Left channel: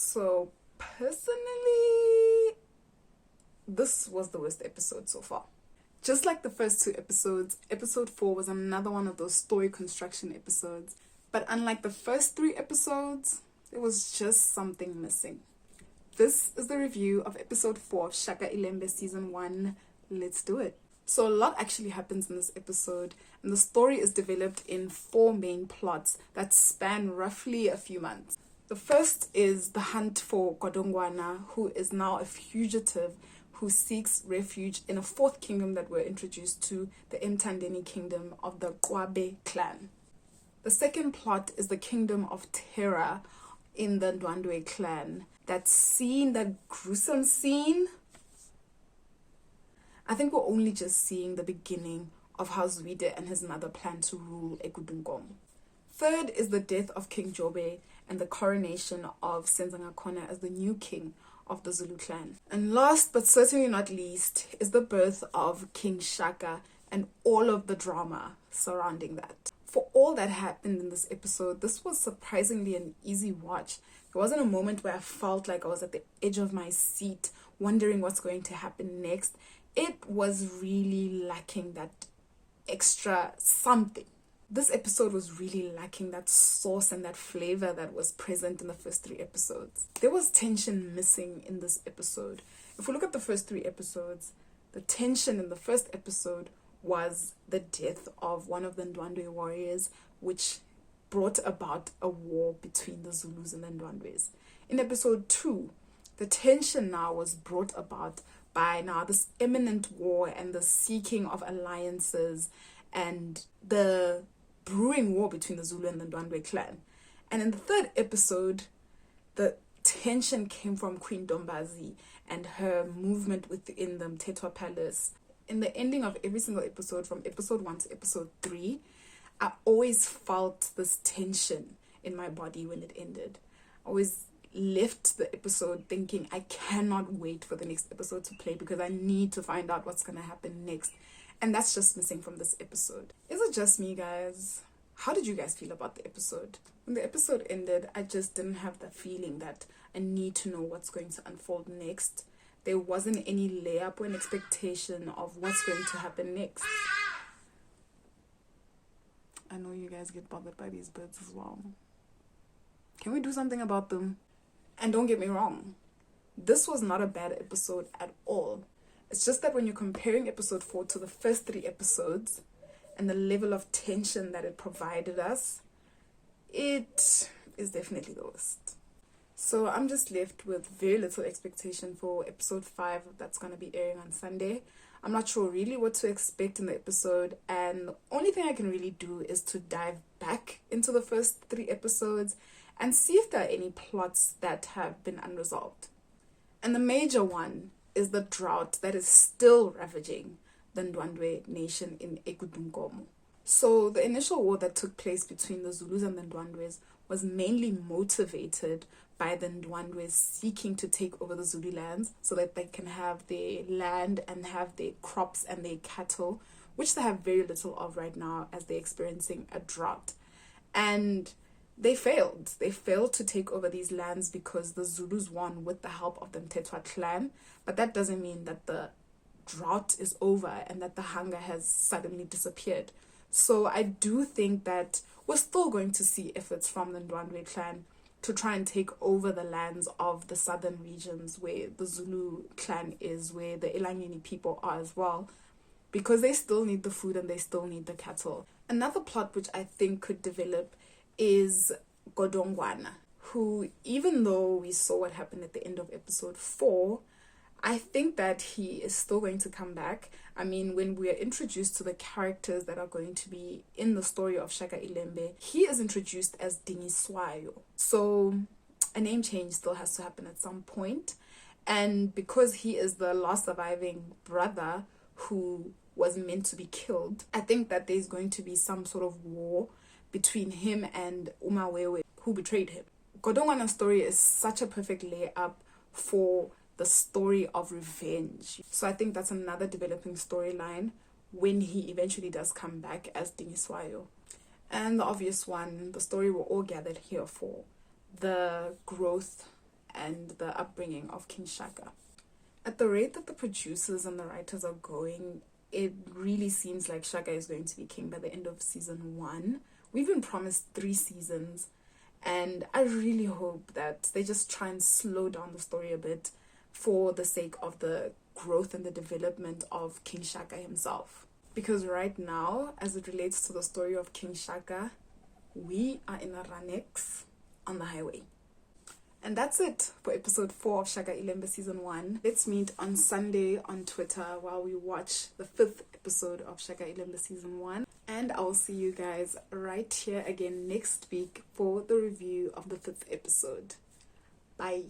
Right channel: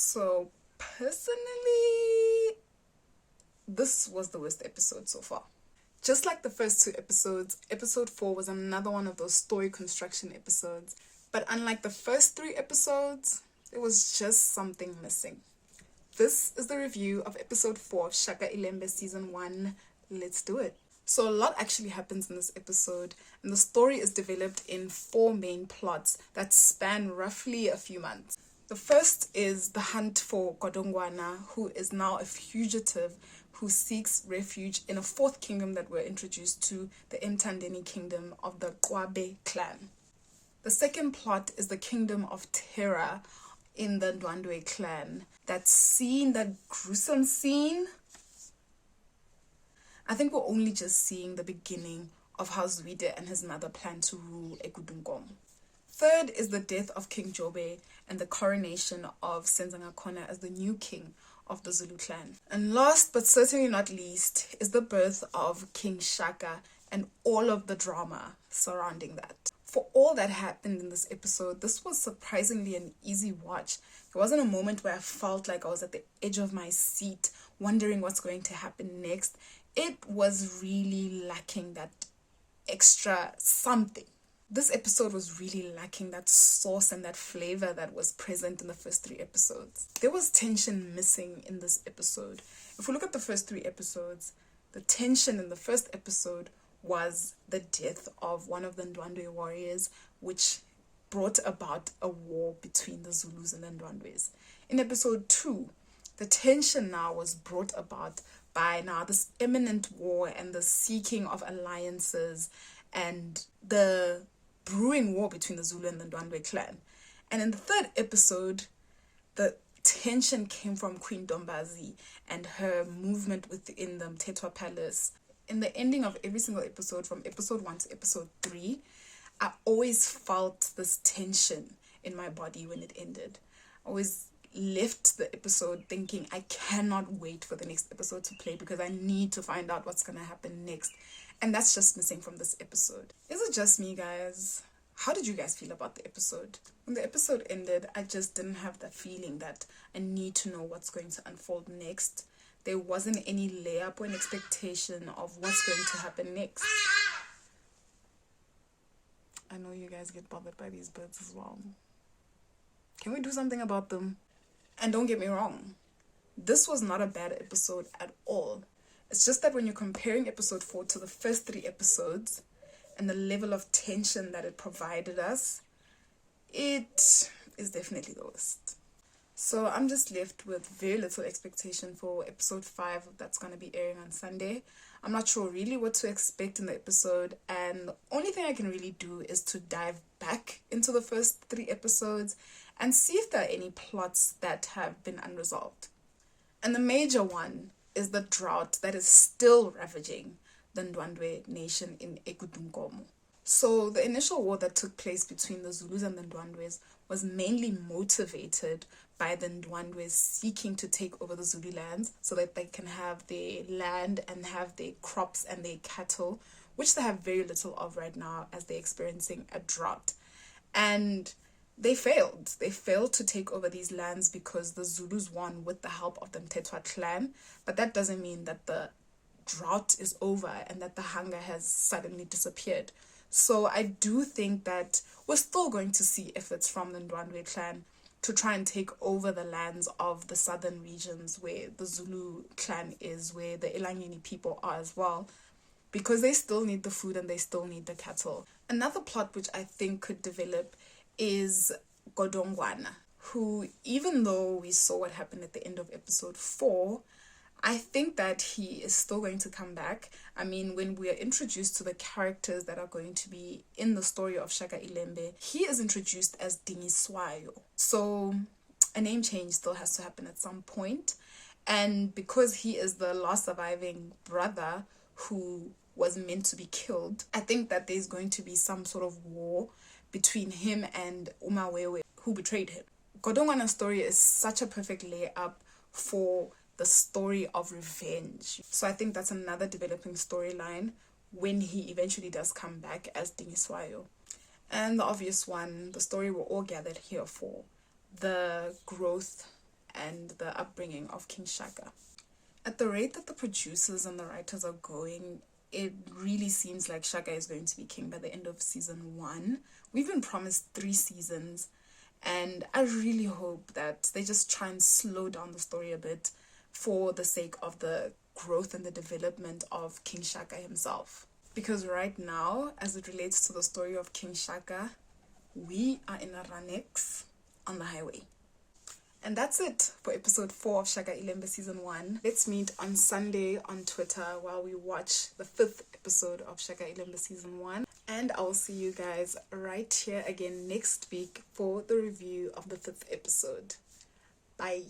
So, personally, this was the worst episode so far. Just like the first two episodes, episode 4 was another one of those story construction episodes. But unlike the first 3 episodes, there was just something missing. This is the review of episode 4 of Shaka Ilembe season 1. Let's do it. So a lot actually happens in this episode, and the story is developed in 4 main plots that span roughly a few months. The first is the hunt for Godongwana, who is now a fugitive who seeks refuge in a 4th kingdom that we're introduced to, the Mtandeni kingdom of the Kwabe clan. The second plot is the kingdom of terror in the Ndwandwe clan. That scene, that gruesome scene, I think we're only just seeing the beginning of how Zwide and his mother plan to rule Ekudungom. Third is the death of King Jobe and the coronation of kaSenzangakhona as the new king of the Zulu clan. And last but certainly not least is the birth of King Shaka and all of the drama surrounding that. For all that happened in this episode, this was surprisingly an easy watch. There wasn't a moment where I felt like I was at the edge of my seat, wondering what's going to happen next. It was really lacking that extra something. This episode was really lacking that sauce and that flavor that was present in the first 3 episodes. There was tension missing in this episode. If we look at the first 3 episodes, the tension in the first episode was the death of one of the Ndwandwe warriors, which brought about a war between the Zulus and the Ndwandwes. In episode 2, the tension now was brought about by now this imminent war and the seeking of alliances and the brewing war between the Zulu and the Ndwandwe clan. And in the 3rd episode, the tension came from Queen Dombazi and her movement within the Mtetwa Palace. In the ending of every single episode, from episode 1 to episode 3, I always felt this tension in my body when it ended. I always left the episode thinking, I cannot wait for the next episode to play because I need to find out what's going to happen next. And that's just missing from this episode. Is it just me, guys? How did you guys feel about the episode? When the episode ended, I just didn't have the feeling that I need to know what's going to unfold next. There wasn't any layup or an expectation of what's going to happen next. I know you guys get bothered by these birds as well. Can we do something about them? And don't get me wrong, this was not a bad episode at all. It's just that when you're comparing episode 4 to the first 3 episodes and the level of tension that it provided us, it is definitely the worst. So I'm just left with very little expectation for episode 5 that's going to be airing on Sunday. I'm not sure really what to expect in the episode, and the only thing I can really do is to dive back into the first 3 episodes and see if there are any plots that have been unresolved. And the major one is the drought that is still ravaging the Ndwandwe nation in Ekudungom. So the initial war that took place between the Zulus and the Ndwandwes was mainly motivated by the Ndwandwes seeking to take over the Zulu lands so that they can have their land and have their crops and their cattle, which they have very little of right now as they're experiencing a drought. And they failed. They failed to take over these lands because the Zulus won with the help of the Mtetwa clan. But that doesn't mean that the drought is over and that the hunger has suddenly disappeared. So I do think that we're still going to see efforts from the Ndwandwe clan to try and take over the lands of the southern regions where the Zulu clan is, where the Elangeni people are as well, because they still need the food and they still need the cattle. Another plot which I think could develop is Godongwana, who, even though we saw what happened at the end of episode 4, I think that he is still going to come back. I mean, when we are introduced to the characters that are going to be in the story of Shaka Ilembe, he is introduced as Dingiswayo. So a name change still has to happen at some point. And because he is the last surviving brother who was meant to be killed, I think that there's going to be some sort of war between him and Umawewe, who betrayed him. Godongwana's story is such a perfect layup for the story of revenge. So I think that's another developing storyline when he eventually does come back as Dingiswayo. And the obvious one, the story we're all gathered here for, the growth and the upbringing of King Shaka. At the rate that the producers and the writers are going, it really seems like Shaka is going to be king by the end of season 1. We've been promised 3 seasons, and I really hope that they just try and slow down the story a bit for the sake of the growth and the development of King Shaka himself. Because right now, as it relates to the story of King Shaka, we are in a Ranex on the highway. And that's it for episode 4 of Shaka Ilembe season 1. Let's meet on Sunday on Twitter while we watch the 5th episode of Shaka Ilembe season 1. And I'll see you guys right here again next week for the review of the 5th episode. Bye.